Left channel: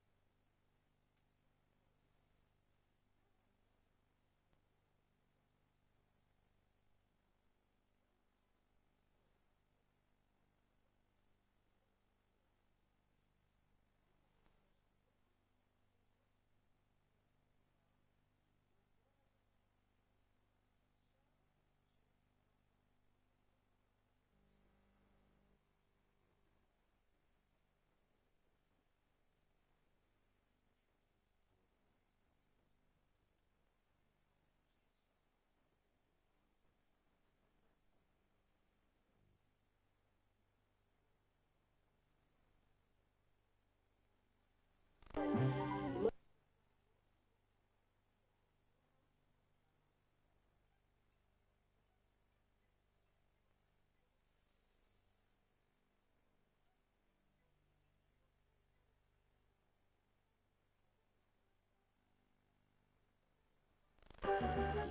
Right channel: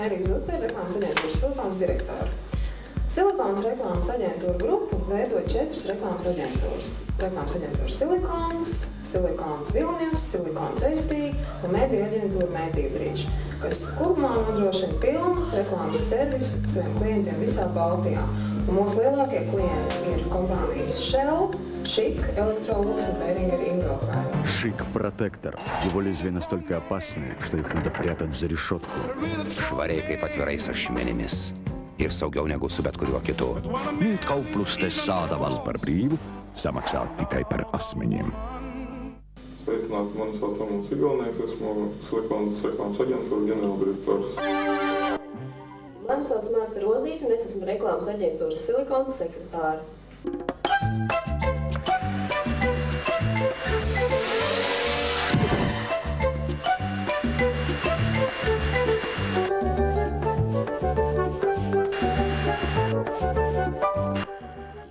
Mērija Zute, reklāmas aģentūras Silikons direktora. Silikons reklāmas aģentūra grupu veido 4 reklāmas aģentūras. Reklāmas aģentūra Silikons, Silikons Vilnius, Silikons Estija un mediju aģentūra Mediju, kas kopumā nodrošina pilnu reklāmas servisu saviem klientiem visā Baltijā. Un mūsu lielākie klienti ir kompānijas Shell, Šik, Electrolux un Behringer Ingelheim. Шик Протектор. Его лезвия настолько опасны, что их надо прятать за решетку. Švariai kaip atvirais ašmenimis. Ir saugiau negu su bet kuriuo kitu. Nüüd kauplustes saadaval. Par brīvu samaksā tikai par asmeņiem. Sveicināti, mani sauc Lamūns Igalnieks, esmu Silikons reklāmas aģentūra ģenerāldirektors. Mani sauc Marta Rozīte un es esmu reklāmas aģentūras Silikons sekretāra.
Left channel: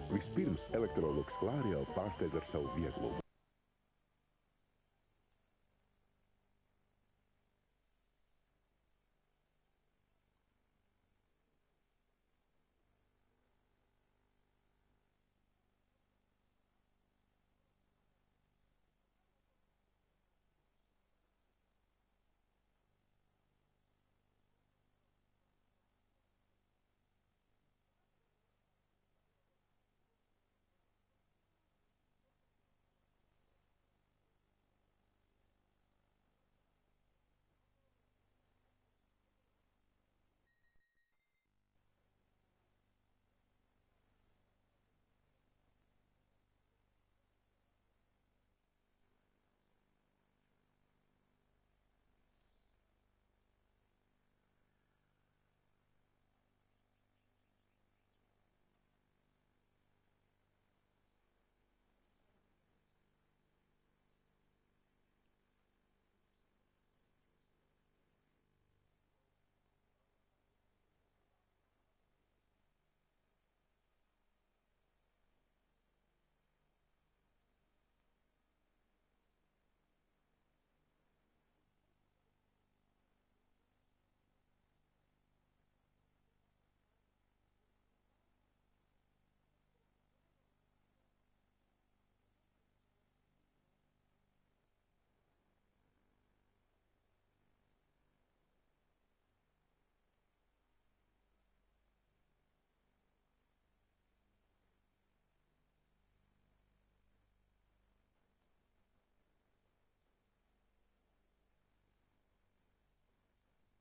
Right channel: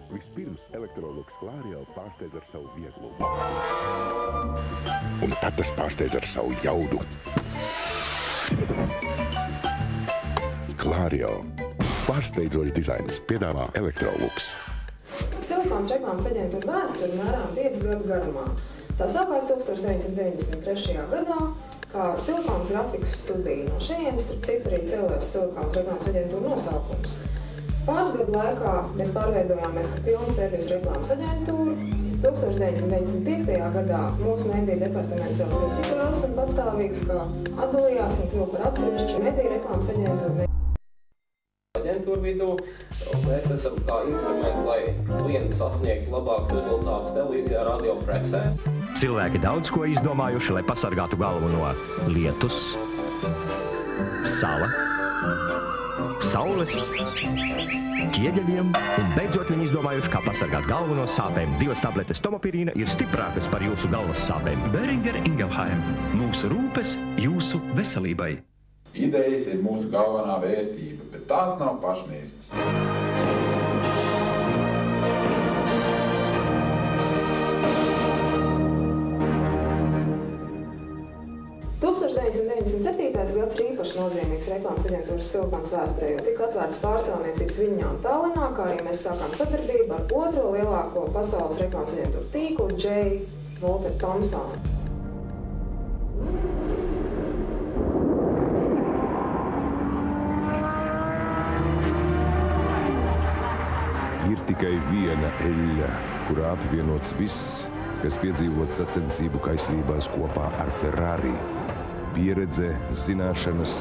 Vispirms Electrolux Clario pārsteidz ar savu vieglumu. Un tad tas pārsteidz ar savu jaudu. Clario. Pārsteidzoši dizains piedāvā Electrolux. Silikons reklāmas aģentūra vēsture mērām 5 gadu garumā. Tā sākās 1993. gadā kā Silikons grafikas studija. No šejienes, starp citu, arī cēlās Silikons reklāmas aģentūra nosaukums. Pāris gadu laikā mēs pārveidojāmies par pilnu servisu reklāmas aģentūru. 1995. gadā mūsu mediju departaments jau kļuva tik liels un patstāvīgs, kā atdalījās un kļuva par atsevišķu mediju reklāmas aģentūru. Aģentūra vidū, un mēs esam kā instrumenti, lai klienti sasniegtu labākus rezultātus televīzijā, radio, presē. Cilvēki daudz ko izdomājuši, lai pasargātu galvu no lietus, sala, saules, ķieģeļiem, un beidzot viņi izdomājuši, kā pasargāt galvu no sāpēm. 2 tabletes tomopirīna ir stiprākas par jūsu galvas sāpēm. Behringer Ingelheim. Mūsu rūpes jūsu veselībai. Idejas ir mūsu galvenā vērtība, bet tās nav pašmērķis. 1997. gads ir īpaši nozīmīgs reklāmas aģentūras Silikons vēsturē, jo tika atvērts pārstāvniecības Viļņā un Tallinā, kā arī mēs sākām sadarbību ar otro lielāko pasaules reklāmas aģentūru tīklu J. Walter Thompsonu. Ir tikai viena eļļa, kurā apvienots viss, kas piedzīvot sacensību kaislībās kopā ar Ferrari. Pieredze, zināšanas,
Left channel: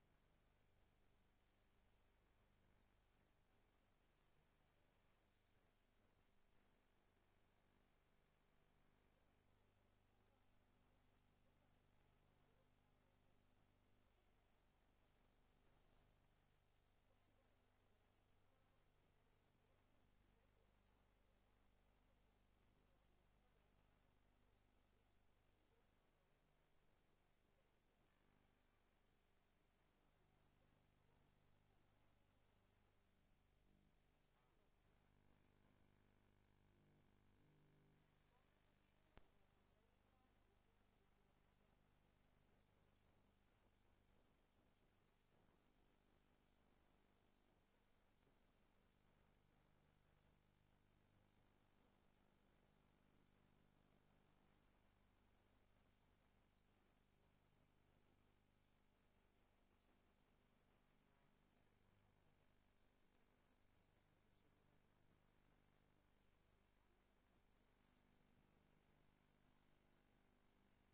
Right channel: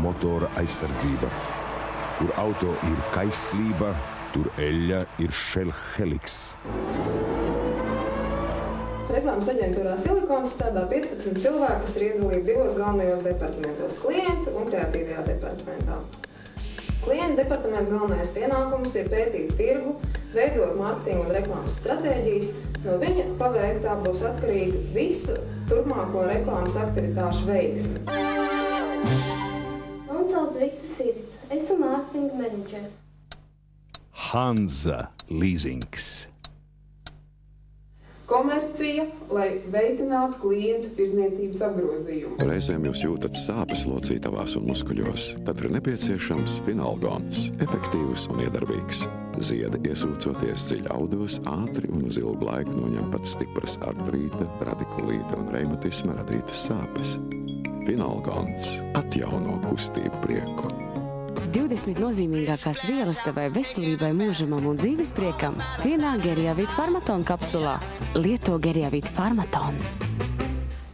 motora aizsardzība. Kur auto ir kaislība, tur eļļa ir Shell Helix. Reklāmas aģentūrā Silikons strādā 15 cilvēki, kas ir iedalīti 2 galvenajos departamentos – klientu un kreatīvajā departamentā. Klienta departamenta galvenais pienākums ir pētīt tirgu, veidot mārketinga un reklāmas stratēģijas. No viņa paveiktā būs atkarīga visu turpmāko reklāmas aktivitāšu veiksmi. Mani sauc Vikta Sirica. Esmu mārketinga menedžere. Hanza Leasings. Komercija, lai veicinātu klientu tirdzniecības apgrozījumu. Reizēm jūs jūtat sāpes locītavās un muskuļos, tad ir nepieciešams Finalgons, efektīvs un iedarbīgs. Ziedi iesūcoties dziļi audos, ātri un uz ilgu laiku noņem pat stipras artrīta, radikulīta un reimatisma radītas sāpes. Finalgons atjauno kustību prieku. 20 nozīmīgākās vielas tavai veselībai, mūžamam un dzīves priekam vienā Geriavit Farmaton kapsulā. Lieto Geriavit Farmaton.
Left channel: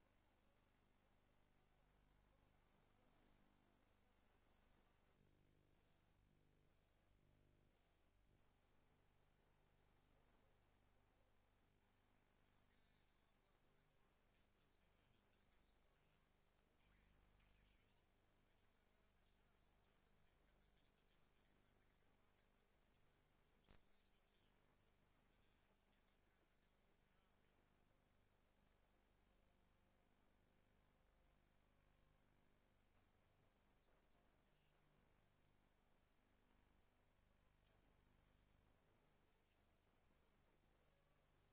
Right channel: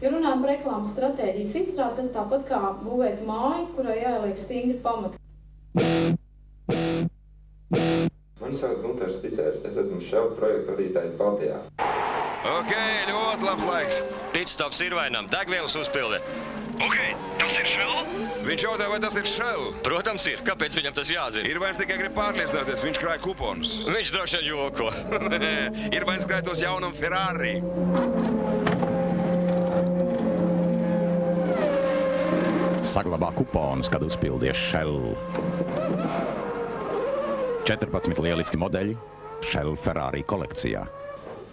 Ja runājam par reklāmas stratēģijas izstrādi, tas tāpat kā būvēt māju, kurai jāieliek stingri pamati. Mani sauc Gunters Ticērs, es esmu Shell projektu vadītājs Baltijā. Ok, ļoti labs laiks. Pitstops ir vainam, degvielas uzpilde. Ok, tas ir Shell? Viņš jautā, vai tas ir Shell? Protams ir. Kāpēc viņam tas jāzina? Ir vairs tikai grib pārliecināties, viņš krāja kuponus. Viņš droši vien joko. Ir vairs krāja tos jaunam Ferrari. Saglabā kuponus, kad uzpildies Shell. 14 lieliski modeļi Shell Ferrari kolekcijā.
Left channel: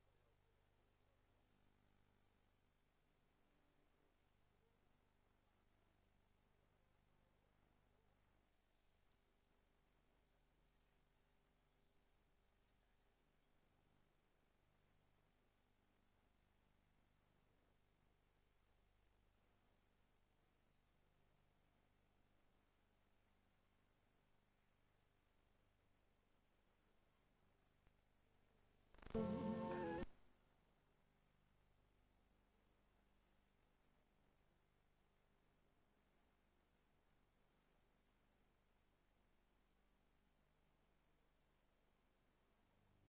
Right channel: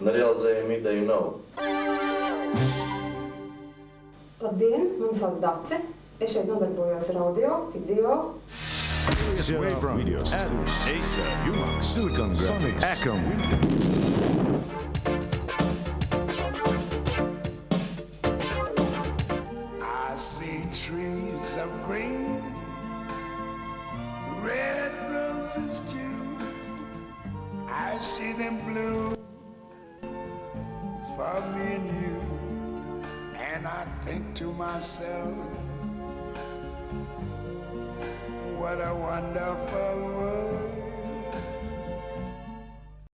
Nerealizējumu ideju nav. Labdien, mani sauc Dace. Es šeit nodarbojos ar audio, video. Video systems, Acer, Umax, Silicon Graphics, Acom. I see trees of green, red roses too. I see them blue for me and you. And I think to myself, what a wonderful world.